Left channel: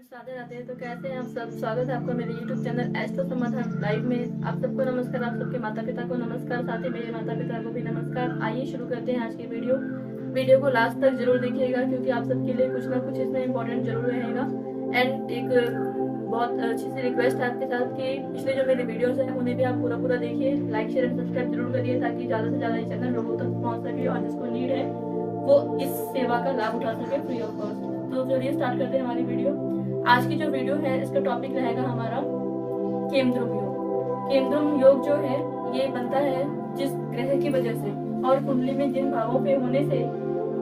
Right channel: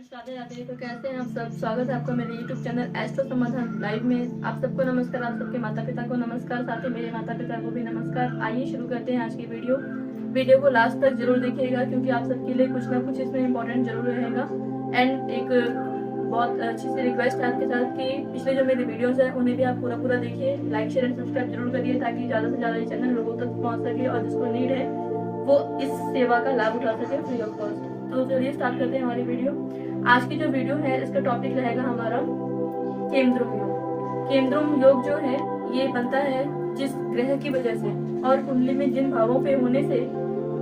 Friends, Radhe Radhe. तो कैसे हैं आप सब? स्वागत है आपका मेरे YouTube चैनल एस्ट्रो समाधान लाइव में। आप सबको नमस्कार, आप सबके माता पिता को नमस्कार, साथ ही मेरे माता पिता को भी नमस्कार। आइए शुरू करते हैं आज की वीडियो को लास्ट तक जरूर देखिएगा, क्योंकि आप सबके लिए कुछ ना कुछ इसमें इम्पोर्टेंट जरूर रहेगा। एंड एक बहुत अच्छी सी रिक्वेस्ट है आपके साथ कि पिछले जो मेरे वीडियोस हैं उन्हें भी आप पूरा देखिए, लाइक शेयर एंड सब्सक्राइब जरूर करिए, ताकि ज़्यादा से ज़्यादा ये चैनल लोगों तक पहुँच सके और जिसको नीड है वो इस सेवा का लाभ उठा सके फ्री ऑफ कॉस्ट। तो चलिए स्टार्ट करते हैं हमारी वीडियो। आज की जो वीडियो है इसका टॉपिक रहेगा हमारा केमद्रुम योग। केमद्रुम योग जो है ये बनता है जिस ग्रह की वजह से और कुंडली में जिन भावों पे होने से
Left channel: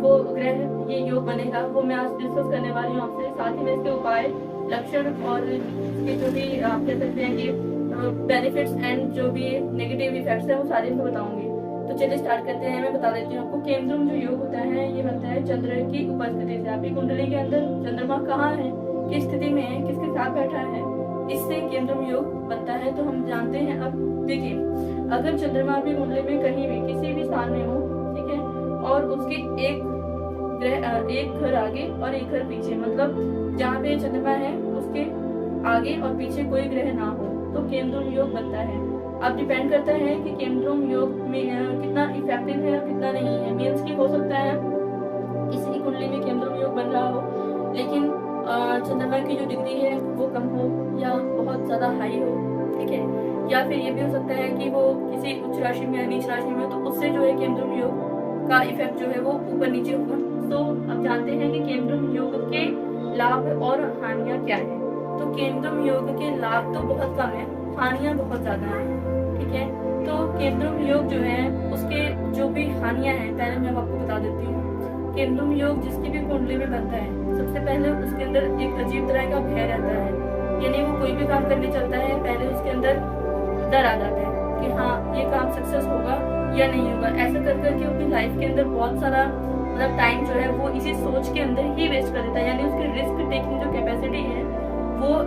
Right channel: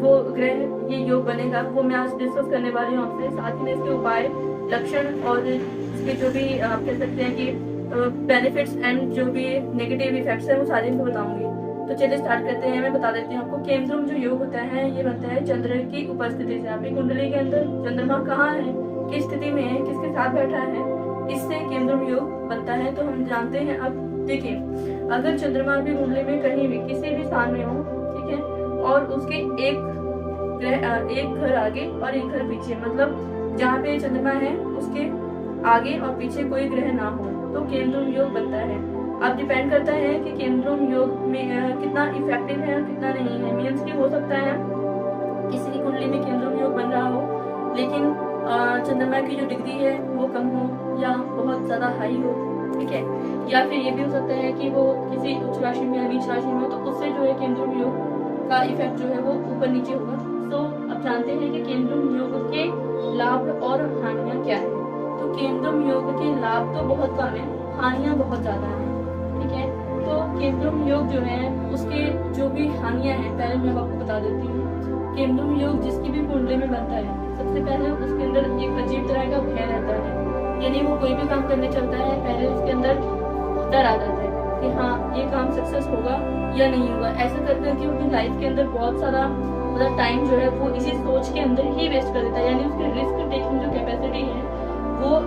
वो ग्रह ये योग बनेगा, वो मैं आज डिस्कस करने वाली हूँ आपसे। साथ ही में इसके उपाय, लक्षण और इसके जो भी आप कह सकते हैं कि बेनिफिट्स एंड जो भी नेगेटिव इफेक्ट्स है वो सारे इनको बताऊंगी। तो चलिए स्टार्ट करते हैं। मैं बता देती हूँ आपको, केमद्रुम जो योग होता है ये बनता है चंद्र की उपस्थिति से। आपकी कुंडली के अंदर चंद्रमा कहाँ है, किस स्थिति में है, किसके साथ बैठा है, इससे केमद्रुम योग बनता है। तो हम जानते हैं। अब देखिए, अगर चंद्रमा आपकी कुंडली में कहीं भी किसी भी स्थान में हो, ठीक है, और उसके एक घर आगे और एक घर पीछे, मतलब जहाँ पे चंद्रमा है उसके आगे और पीछे कोई ग्रह ना हो, तो केमद्रुम योग बनता है। अब डिपेंड करता है कि केमद्रुम योग में कितना इफेक्टिव है और कितना नहीं है। मीन्स की हो सकता है किसी की कुंडली में केमद्रुम योग बन रहा हो, लेकिन चंद्रमा की जो डिग्री है वो कम हो या बहुत ज्यादा हाई हो, ठीक है। या फिर ये भी हो सकता है कि वो किसी उच्च राशि में या नीच राशि में हो, तो उससे जो है केमद्रुम योग का इफेक्ट जो है वो ऊपर नीचे होगा। तो अब जानते हैं कि केमद्रुम योग के लाभ और हानियां क्या है। तो केमद्रुम योग के लाभ तो बहुत कम है, हानियां बहुत ज्यादा है, ठीक है। तो केमद्रुम योग जो है उसके जो भी हानियां हैं पहले मैं आपको बता देती हूँ। केमद्रुम योग जिसकी भी कुंडली में बनता है, सबसे पहले उसके अंदर एक अजीब तरह का भय रहता है। यानी वो कोई भी काम करने चलता है, पहले उसके अंदर डर आ जाता है कि हाँ ये काम सक्सेस होगा या नहीं होगा। ऐसे कर करके अपनी लाइफ के अंदर बहुत सारा मतलब टाइम जो है वो इसी सोच के अंदर ही वेस्ट कर देता है। यानी उसकी रिस्क टेकिंग जो कैपेसिटी है वो,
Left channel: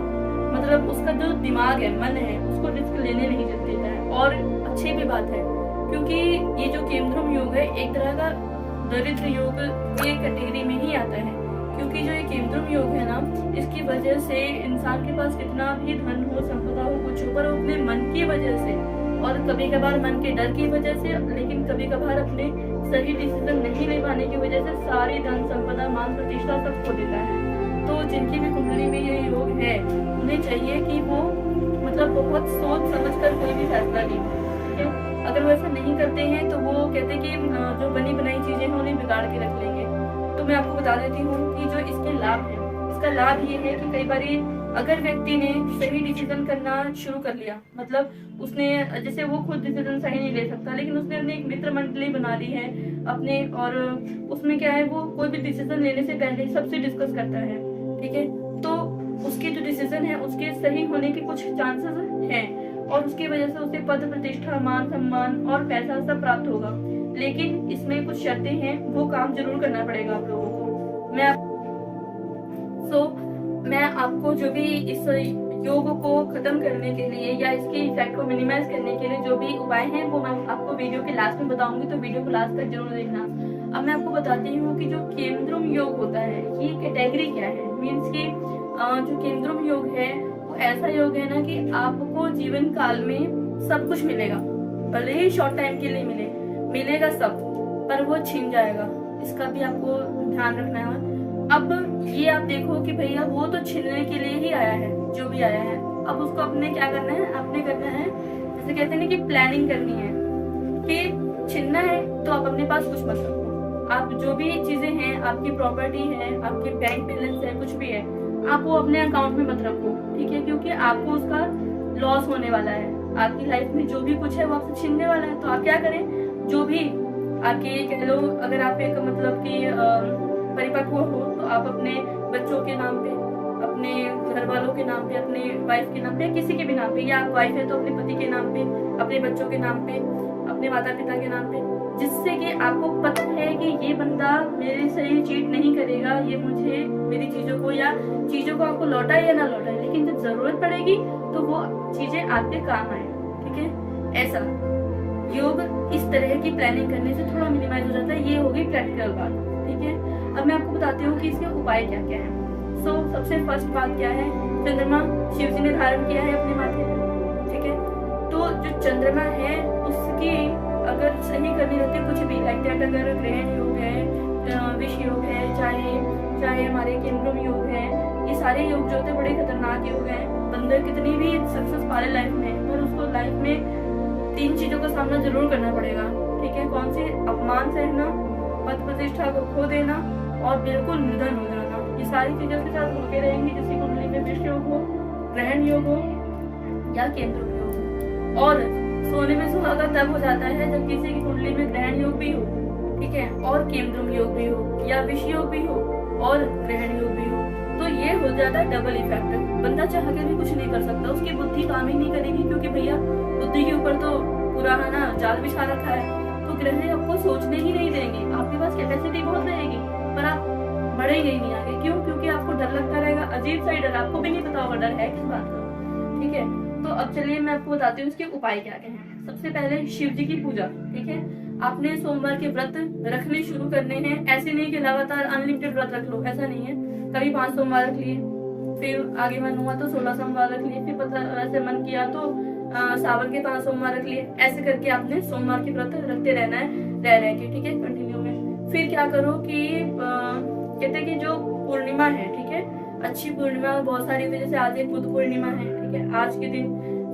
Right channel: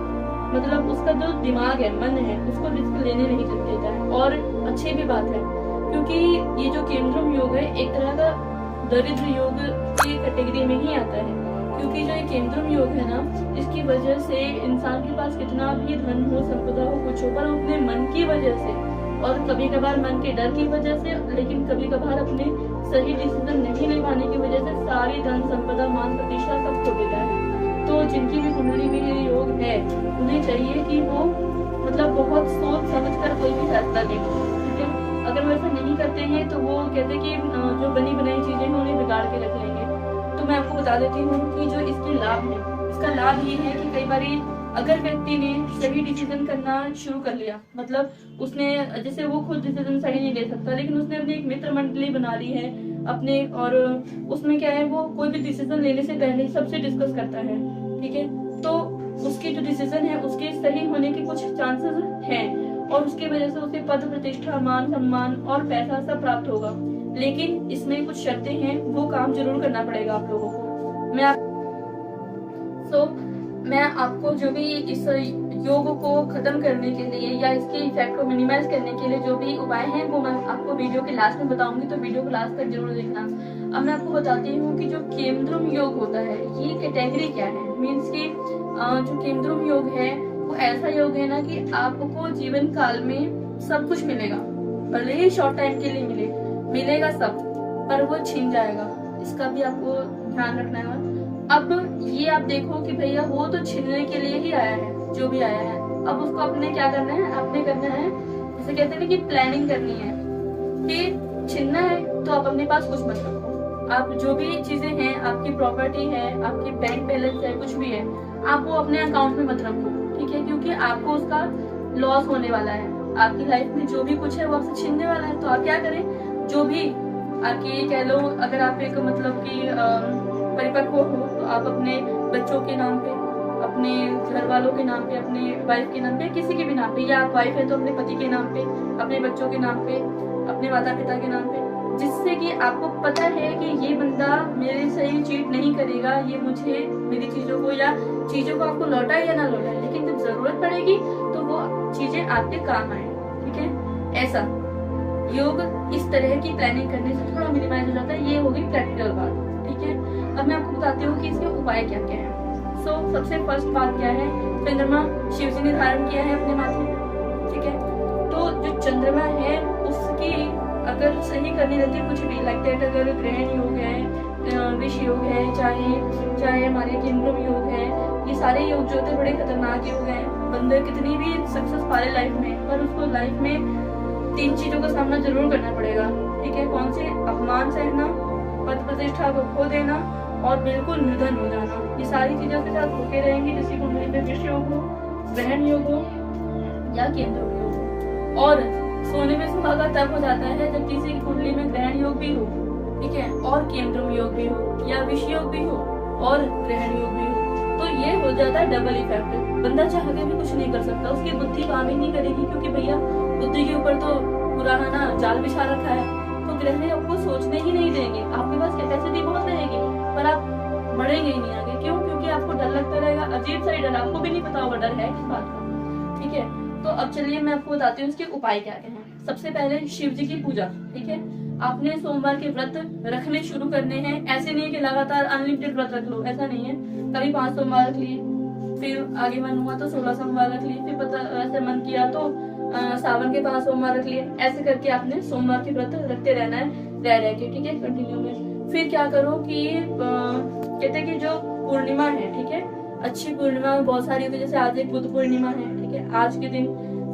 मतलब उसका जो दिमाग है, मन है, उसको रिस्क लेने नहीं देता है। और अच्छी भी बात है, क्योंकि ये जो केमद्रुम योग है एक तरह का दरिद्र योग की कैटेगरी में ही आता है। क्योंकि जो ये केमद्रुम योग है ना, इसकी वजह से इंसान के पास कितना भी धन हो, संपदा हो, कुछ हो, पर अपने मन की वजह से और कभी कभार मन के डर की वजह से, लेकिन कभी कभार अपने सही डिसीजन नहीं ले पाने की वजह से सारी धन संपदा, मान प्रतिष्ठा सब खो देता है। तो जिनकी भी कुंडली में ये योग है उन्हें चाहिए कि वो मतलब बहुत सोच समझ कर कोई भी फैसला लें, ठीक है। अगर वो ऐसा नहीं करते हैं तो वो कहते हैं कि जो बनी बनाई चीजें हैं उन्हें बिगाड़ के रख लेंगे। तो मैं आपको बता देती हूँ कि जो इसके लाभ है, इसका लाभ ये है कि कई बारी अगर व्यक्ति ने सही डिसीजन करना शुरू कर लिया, मतलब उसने, जैसे वो खुद डिसीजन सही नहीं ले सकता, लेकिन उसने अपनी एक मित्र मंडली बना ली है अपने, और उसमें क्या है, वो कोई भी डिसीजन लेने से पहले सबसे डिस्कस करता है, ठीक है। तो उसके जो डिसीजन है उसके सही होने के कुछ चांसेस हैं और उसकी वजह से उसे पद प्रतिष्ठा, मान सम्मान और पैसा सब प्राप्त होगा। लेकिन इसमें कुछ शर्तें हैं, वो काम जरूर करना पड़ेगा आप लोगों को। मैं आपको जो भी इस योग को खत्म करने के लिए या इसके इफेक्ट को मिनिमाइज करने के लिए जो भी उपाय हैं वो मैं आपको वीडियो के लास्ट में बताऊंगी, तो वीडियो को लास्ट तक जरूर देखना। अब मैं आपको बताती हूँ कि जो केमद्रुम योग होता है ये कैटेगरी क्या है। मीन्स की जो केमद्रुम योग है वो ऐसा योग है ना कि आपको जीवन काल में सब कुछ मिलेगा, भले ही शॉर्ट टाइम के लिए मिलेगा सब, पर वो छिन जाएगा। इसका भी आपको ध्यान रखना है। अब ये आप देखो कि भैया वो तो छीनने के लिए ही आया है, जो भी आया है। अब उसको अपने क्या करना है, अपने करना है, जैसे कहते हैं ना कि प्लानिंग करनी है कि छीनना है तो आप अपने पास कुछ मत रखो। आप जो भी चीजें हैं, आपकी प्रॉपर्टी है, आपकी बैंक बैलेंस है, कुछ भी है, आप वो अपने अकाउंट में मत रखो, ठीक है। क्योंकि आपको उसका लॉस होने वाला है। आपकी लाइफ में जो भी कुछ है वो आपसे छीनने वाला है। तो आप क्या करें, जो भी आपके कह लो, अगर आप एक मतलब कि परिपक्व हो तो आप अपने बच्चों के नाम पे, अपने घर वालों के नाम पे, अपने वाइफ के नाम पे, किसी के भी नाम पे, या आप वाइफ है तो अपने पति के नाम पे, अपने बच्चों के नाम पे, अपने माता पिता के नाम पे, जिससे कि आपको पता है कि ये बंदा मेरे से ही चीट नहीं करेगा, ये मुझे मेरी चीजों को या चीजों को आपको लौटाए या ना लौटाए, लेकिन जब जरूरत पड़ेगी तो वो चीजें आपके काम आए, ठीक है। ऐसा योग इस तरह की प्लानिंग करने से थोड़ा मिनिमाइज हो जाता है। ये होगी प्रैक्टिकल बात, ठीक है। अब मैं आपको बताती हूँ कि इसके उपाय क्या क्या है। सो सबसे फर्स्ट बात क्या है, चंद्रमा शिव जी ने धारण किया है अपने माथे पे, ठीक है। तो जो चंद्रमा है उसकी अगर सही करनी रहती है कुछ भी लाइक दैट, अगर ग्रहण योग है, विष योग है, चाहे हमारे केंद्र योग है, ये सारे योग जो होते हैं बड़े खतरनाक योग हैं। बंदे कितनी भी सक्सेस पा ले लाइफ में, पर उसको लाइफ में 3 चीजों का सामना जरूर करना पड़ेगा, ठीक है। कौन से? अपमान सहना, पद प्रतिष्ठा को खो देना और बिल्कुल निर्धन हो जाना। ये सारी चीजें उसके साथ होते रहेंगी जिसकी कुंडली में विष योग हो, ग्रहण योग हो या केंद्र योग हो। और सोने में सुहागा तब हो जाता है जब किसी की कुंडली में ग्रहण योग भी हो, ठीक है, और केंद्रम योग भी हो या विष योग भी हो और ग्रहण योग भी हो, तो ये हो जाता है डबल इफेक्ट। बंदा चाह के भी कुछ नहीं कर सकता, उसकी बुद्धि काम ही नहीं करेगी, क्योंकि भैया बुद्धि के ऊपर तो पुराना ना जाल बिछा रखा है। तो ग्रह आपको सोचने ही नहीं देंगे, आपके पास कैपेसिटी बहुत रहेगी पर आप बढ़ेंगे ही नहीं आगे। क्यों? क्योंकि आपको डर लगता रहेगा, अजीब सा ही डर, आपको भी नहीं पता होगा डर है किस बात का, ठीक है। तो अब चलिए मैं आपको बताती हूँ इसके उपाय क्या क्या हैं। सबसे पहले शिव जी की पूजा, ठीक है। आपने सोमवार के व्रत रखने शुरू करने हैं। ऐसे नहीं कि लगातार अनलिमिटेड व्रत रख लो, ऐसा नहीं है। कभी 5 सोमवार रख लिए, फिर आगे मन हुआ तो 16 सोमवार रख लिए, फिर पता ऐसे मन किया तो सावन के 5 सोमवार रख लिए। ऐसे करके आपने सोमवार के व्रत रखते रहना है रह के, ठीक है, कंटिन्यू में। फिर क्या करो कि कहते हैं कि जो पूर्णिमा है, ठीक है, अच्छी पूर्णिमा बहुत सारी होती है, जैसे आज एक बुद्ध पूर्णिमा है, ठीक है, आज के दिन।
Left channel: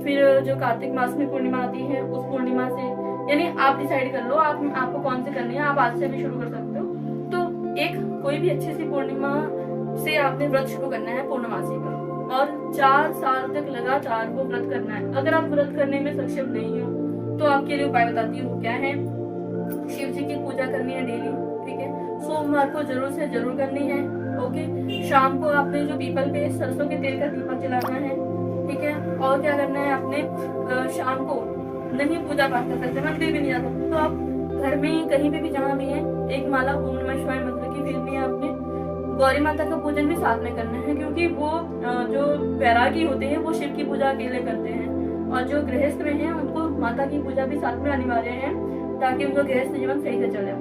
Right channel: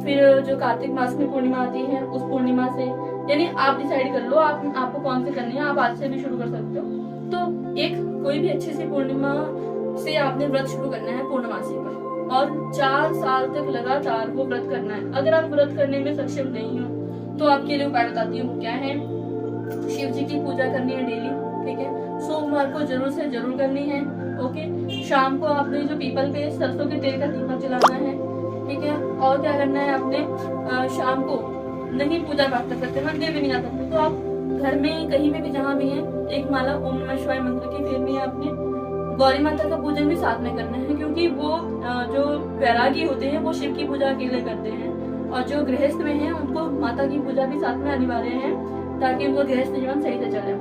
फिर जो कार्तिक मास में पूर्णिमा आती है उस पूर्णिमा से, यानी आप डिसाइड कर लो आपको कौन से करनी है, आप आज से भी शुरू कर सकते हो। तो एक कोई भी अच्छी सी पूर्णिमा से आपने व्रत शुरू करना है पूर्णमासी का, और 4 साल तक लगातार वो व्रत करना है। अगर आप व्रत करने में सक्षम नहीं हो तो आपके लिए उपाय बताती हूँ वो क्या है। शिव जी की पूजा करनी है डेली, ठीक है, सोमवार को जरूर से जरूर करनी है, ओके। शाम को आपने जो पीपल पे सरसों के तेल का दीपक जलाना है, ठीक है। और क्या करना है आपने, शाम को नहीं पूजा पाठ कर सकते, मंदिर भी नहीं जा सकते, तो आप घर में कहीं पे भी जहाँ भी है एक माला ओम नमः शिवाय मंत्र की फेरनी है आपने। गौरी माता का पूजन भी साथ में करना है, क्योंकि वो जो वैरागी होते हैं वो शिव की पूजा अकेले करते हैं, और जो गृहस्थ में हैं उनको माता की पूजा भी साथ में अनिवार्य है, ताकि उनका गृहस्थ जीवन सही से चले।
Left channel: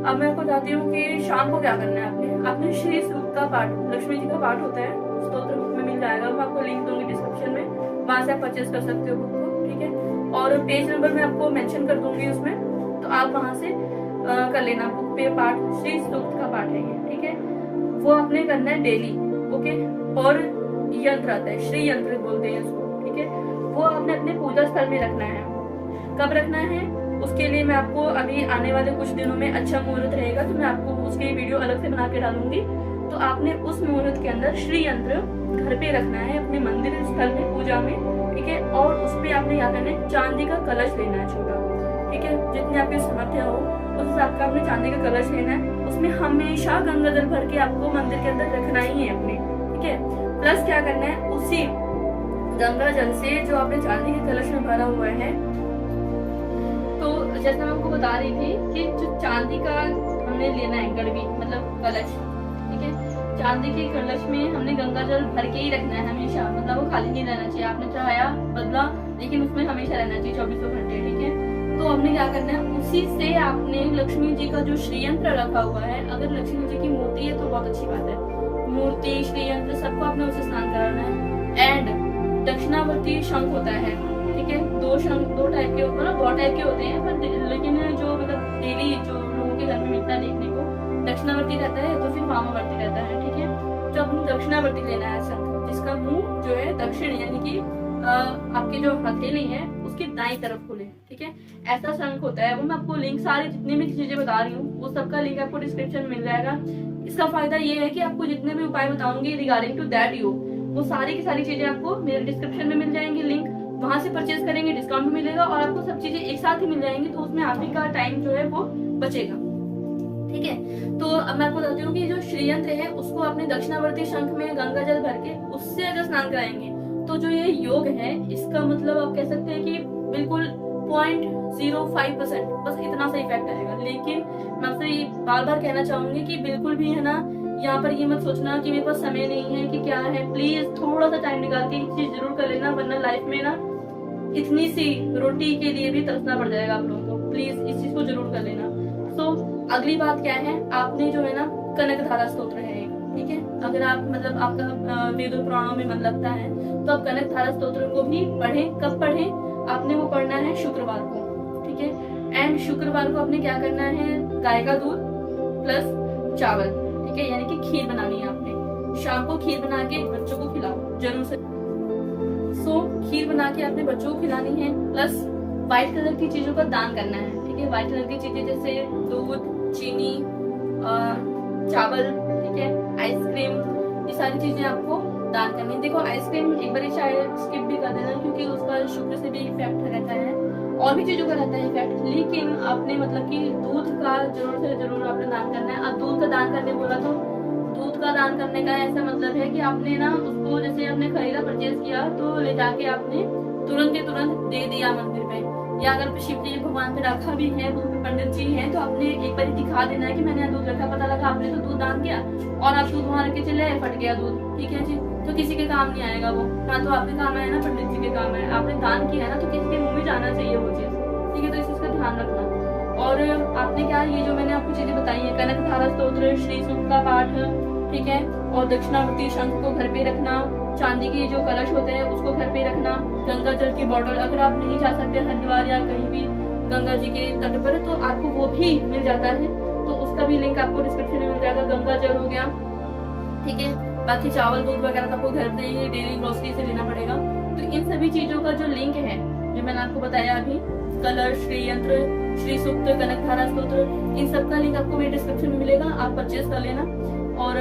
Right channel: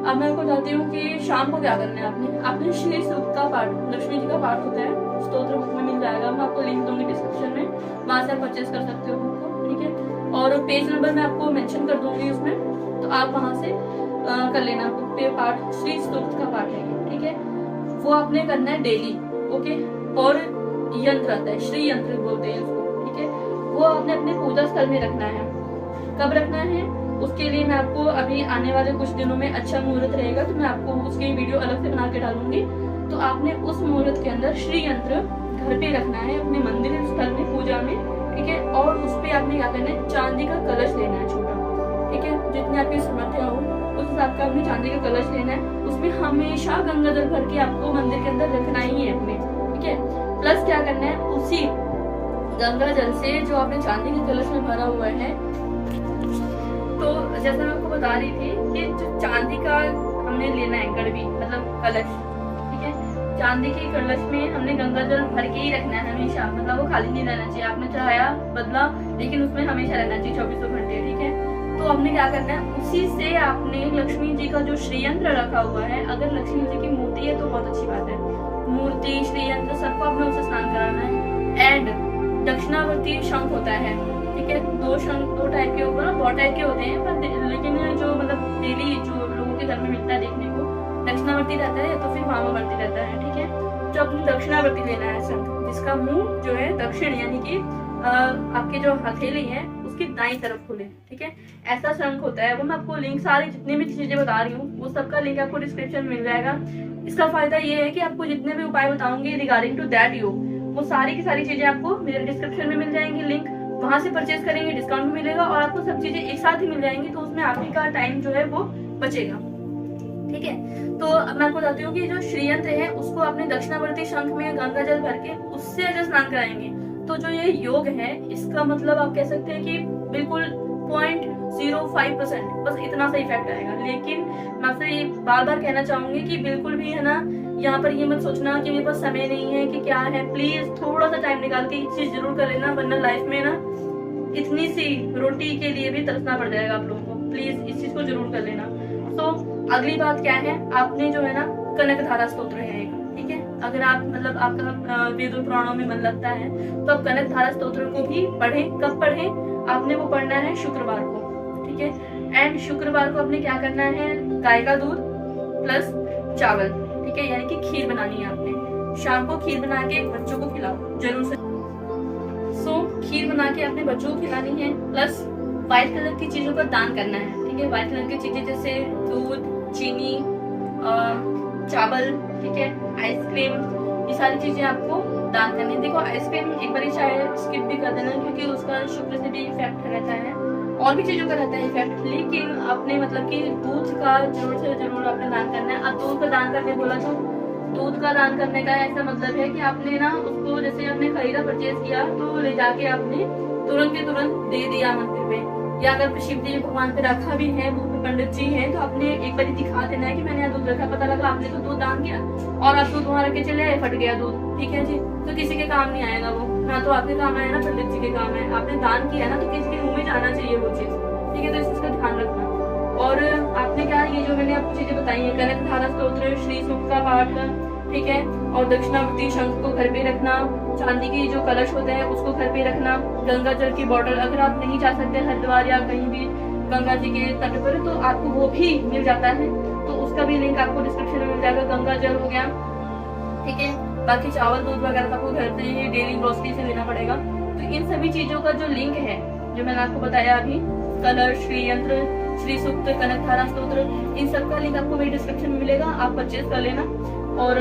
अब मैं आपको बताती हूँ कि शाम को क्या करना है आपने श्री सूक्त का पाठ, लक्ष्मी जी का पाठ होता है, स्तोत्र बुक में मिल जाएगा, मैं आपको लिंक दूंगी डिस्क्रिप्शन में, वहां से आप परचेज कर सकते हो बुक को, ठीक है। और पेज नंबर मैं आपको मेंशन कर दूंगी उसमें, तो आप वहां से कर लेना बुक पे पाठ, श्री सूक्त का पाठ है ये, ठीक है। वो आपने करना है डेली, ओके। और यंत्र आता है, श्री यंत्र बोलते हैं उसको, ठीक है, वो आपने अपने पूजा स्थल में रखना है। कब रखना है उसके लिए मैं आपको अभी आने वाले कुछ दिनों में अच्छा मुहूर्त रहेगा, तो मैं आपको उसकी वीडियो अलग से बना के डालूंगी। तो आपने उस मुहूर्त के अंदर श्री यंत्र घर पे रखना है अपने मंदिर स्थल में पूजा में, ठीक है। और उस पे आपने क्या करना है, चांदी का कलश लेना है छोटा, ठीक है, जितनी आपकी सामर्थ्य हो उस हिसाब का आपने चांदी का कलश लेना है। उसमें हमेशा गंगा जल भर के आपको मंदिर के अंदर रखना ही है अपने, ठीक है। प्लस क्या करना है, उसी गंगा जल से जो आपने चांदी के कलश में भरा हुआ है, तो जैसा मैं आपको बता रही थी कि जो चांदी का हमने लेना है गड़बी मतलब कलश, ठीक है, चांदी के कलश में हमने गंगा जल भर के ही रखना है हमेशा, मतलब वो खाली नहीं रहना चाहिए। आपने चाहा बदला लेकिन उसमें हमेशा रहना चाहिए 24 घंटे, ठीक है। तो आपने क्या करना है, उसी से आपने लक्ष्मी जी का जो श्रीयंत्र रखा हुआ है, अगर लक्ष्मी जी की मूर्ति है तो बहुत अच्छी बात है, मूर्ति श्रीयंत्र सबको आपने उसे स्नान कराना है। एंड दक्षिणावर्ती शंख होता है, ठीक है, 2 शंख 2 टाइप के ऊपर, बहुत टाइप के होते हैं, पर लेकिन जो मतलब डेली जो लोगों के घर में मिलता है देखने को, दक्षिणावर्ती रहता है तो फिर वामावर्ती रहता है, ठीक है। तो अपनी दक्षिणावर्ती लेना है शंख, जिसका मुंह जो है दक्षिण यानी कि आपकी जो हथेली है उसकी दाईं तरफ खुले, ठीक है, ऐसा शंख होता है। वो मैं आपको लिंक, सारी जितनी भी चीजें बता रही हूँ वो सबका लिंक आपको डिस्क्रिप्शन में मिल जाएगा। इसका फायदा ये है कि आपको जितने भी उपाय बताऊंगी रिगार्डिंग टू दैट योग, वो सारी की सारी चीजें आपको मेरे डिस्क्रिप्शन में मिल जाएंगी, लिंक वहां से परचेज करेंगे डिस्काउंट भी मिलेगा, और आपको सब चीजें एक साथ ही मिल जाएंगी, तो उसमें आप ही का टाइम जो है वो बचेगा, ठीक है। तो अब मैं आपको बताती हूँ कि जो श्रीयंत्र है उसको अपने दक्षिणावर्ती शंख में गंगा जल भर के उससे अगर स्नान कराएंगे तो जो ये योग है इसका मतलब आप कह सकते हैं कि बिल्कुल 0.05% बस इतना सा इफेक्ट आएगा। लेकिन मैं आपसे ये बार बार कहना चाहूंगी कि बिल्कुल भी है ना, यहाँ पर ये मत सोचना कि मेरे पास समय नहीं है कि क्या है, प्लीज थोड़ा सा टाइम निकाल के ये चीज जरूर कर लेना, वरना लाइफ में ना इतनी सी रोटी के लिए भी तरसना पड़ जाएगा आप लोगों को। प्लीज इस चीज को जरूर कर लेना। तो अगली बात क्या है, आपने जो है ना कनक धारा स्तोत्र है एक, ठीक है, अगर आप मतलब आपका वेद और पुराणों में मन लगता है तो आप कनक धारा स्तोत्र को भी पढ़ें। कब पढ़ें? आपने वो पढ़ना है शुक्रवार को, ठीक है। एंड शुक्रवार को आपने क्या करना है, गाय का दूध प्लस चावल, ठीक है, यानी कि खीर बनानी है आपने। शाम को खीर बना के बच्चों को खिलाओ जरूर से। खीर बना के अपने बच्चों को खिलानी है, प्लस व्हाइट कलर की चीजों का दान करना है, ठीक है। व्हाइट कलर की चीजें जैसे दूध, चीनी, चावल, ठीक है, आइसक्रीम, ये सारी चीजें आपको दान करनी है। देखो आइसक्रीम एक बार चाहे स्किप भी कर देना, क्योंकि उसका शुक्र से भी इफेक्ट रहता है और भी चीजों का रहता है इफेक्ट, लेकिन आपने मतलब कि दूध का जरूर से जरूर आपने दान करना है। अब दूध का दान करने बोला तो दूध का दान करने का ऐसा मतलब है कि आपने ना उसको, जैसे आपने खरीदा परचेज किया तो ले जाके आपने तुरंत के तुरंत दे दिया मंदिर पे, या अगर शिव जी भगवान पे रखा भी है, पंडित जी हैं, तो आपने एक बार दिखा देना है कि मैंने यहाँ दूध रखा, पता लगा आपने तो दूध दान किया और आप दूध वहां रख के चले आए, फट गया दूध, ठीक है जी, तो किसी के काम नहीं आएगा वो, ना तो आपके काम आया ना पंडित जी के काम है। आपने दान किया ना तो किसी के मुंह में जाना चाहिए वो चीज, ठीक है, तो इस चीज का ध्यान रखना। और आपने क्या, ये जो मैंने आपको चीजें बताई है, कनक धारा स्तोत्र, श्री सूक्त का पाठ, ठीक है, और दक्षिणावर्ती शंख को घर पे रखना, चांदी की जो कलश होते हैं उसको घर पे रखना, गंगा जल की बॉटल, अगर आप नहीं जा सकते हरिद्वार या कहीं भी गंगा जी के तट पर तो आपको वो भी मिल जाता है, तो उसका भी लिंक आपको डिस्क्रिप्शन में मिल जाएगा। गंगा जल हो गया, ठीक है, बाकी चावल दूध वगैरह तो आपको घर पे ही डेली ग्रोसरी से लेना पड़ेगा। तो इन सभी चीजों का जो लिंक है जो मैंने आपको बताया अभी, कलश, श्री यंत्र, श्री सूक्त, कनक धारा स्तोत्र, इन सब का लिंक आपको मेरे डिस्क्रिप्शन में मिलेगा, आप परचेज कर लेना और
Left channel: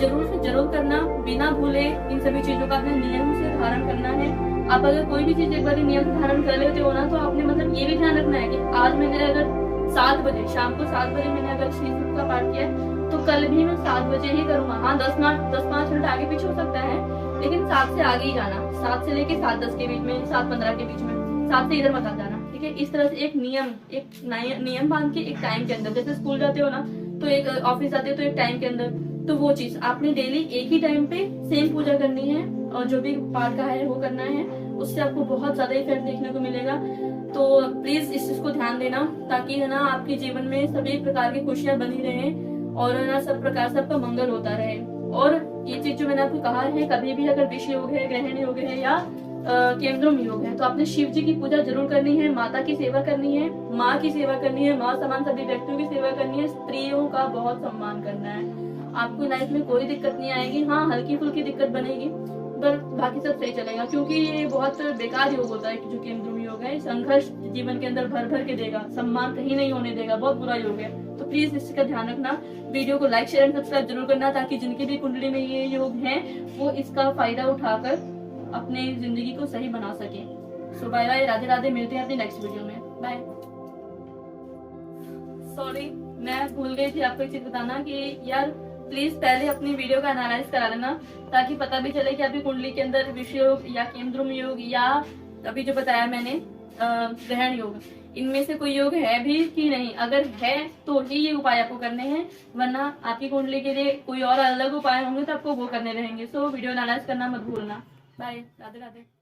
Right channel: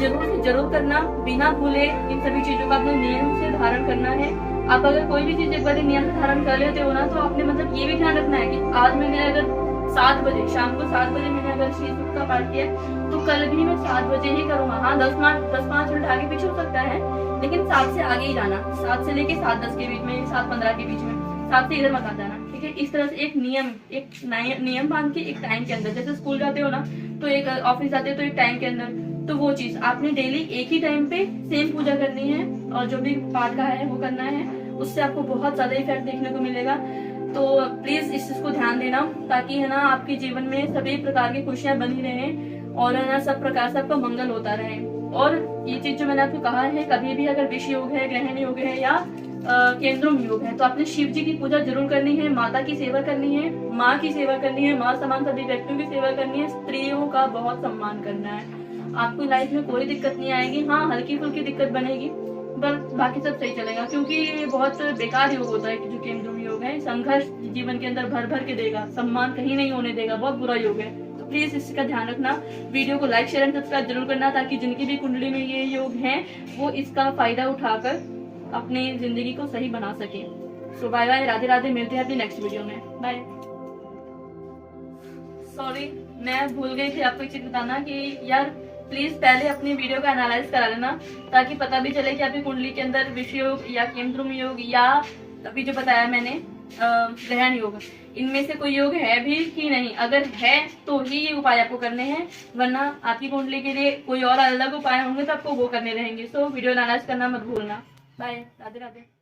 जरूर से जरूर करना, बिना भूले इन सभी चीजों का अपने नियम से धारण करना है। आप अगर कोई भी चीज एक बार नियम से धारण कर लेते हो ना, तो आपने मतलब ये भी ध्यान रखना है कि आज मैंने अगर 7 बजे, शाम को 7 बजे मैंने अगर श्री सूक्त का पाठ किया तो कल भी मैं 7 बजे ही करूंगा। हाँ 10-5 मिनट आगे पीछे हो सकता है, लेकिन 7 से आगे ही जाना, 7 से लेके 7:10 के बीच में, 7:15 के बीच में, 7 से इधर मत आ जाना, ठीक है। इस तरह से एक नियम बांध के एक टाइम के अंदर, जैसे स्कूल जाते हो ना तो एक ऑफिस जाते हो तो एक टाइम के अंदर, तो वो चीज आपने डेली एक ही टाइम पे सेम पूजा करनी है और जो भी पाठ का है वो करना है, उससे आपको बहुत ज्यादा इफेक्ट देखने को मिलेगा। तो प्लीज इस चीज को ध्यान देना, ताकि है ना आपके जीवन में सभी प्रकार की खुशियां बनी रहें और है ना सब प्रकार से आपका मंगल होता रहे। और ये चीज जो मैंने आपको कहा है, कभी भी अगर विष योग है, ग्रहण योग है या केंद्रम योग है, तो आपने शिव जी की पूजा जरूर करनी है, माता की सेवा करनी है, माँ की सेवा करनी है, माँ समान सभी व्यक्तियों की सेवा करनी है, स्त्रियों का बहुत सम्मान करना है। आपको लाइफ में कोई दिक्कत नहीं आएगी, हाँ हल्की फुल्की दिक्कत बनेगी पर बाकी सब सही चलेगा, क्योंकि ये बहुत बेकार योग होता है कि जो केंद्रम योग है, संघर्ष जीवन के अंदर भर भर के देगा, सम्मान कहीं नहीं होने देगा, बहुत बुरा योग है। तो प्लीज इसका ध्यान रखना, वीडियो को लाइक शेयर एंड सब्सक्राइब जरूर करना, ताकि जिनकी भी कुंडली में ये योग है वो इसका फायदा उठाकर अपनी जिंदगी को सही बना सके। सो बाय बाय, राधे राधे, मिलते हैं अपनी नेक्स्ट वीडियो में, बाय। सॉरी मैं भूल गई थी आपको एक चीज बताना कि यार प्लीज पहले अपनी वीडियो का एनालाइज करा लेना, ताकि पता भी चले कि आपकी कुंडली के अंदर विष योग या केंद्रम योग या अभी जो बताया मैंने ग्रहण योग, इनमें से कोई योग है भी कि नहीं। अगर है तो ही ये उपाय आपको करने हैं, वरना आपकी कुंडली के लिए कोई और अलग उपाय होंगे तो आपको वो करने रहेंगे। सो वीडियो एनालाइज करना मत भूलना। बाय, राधे राधे।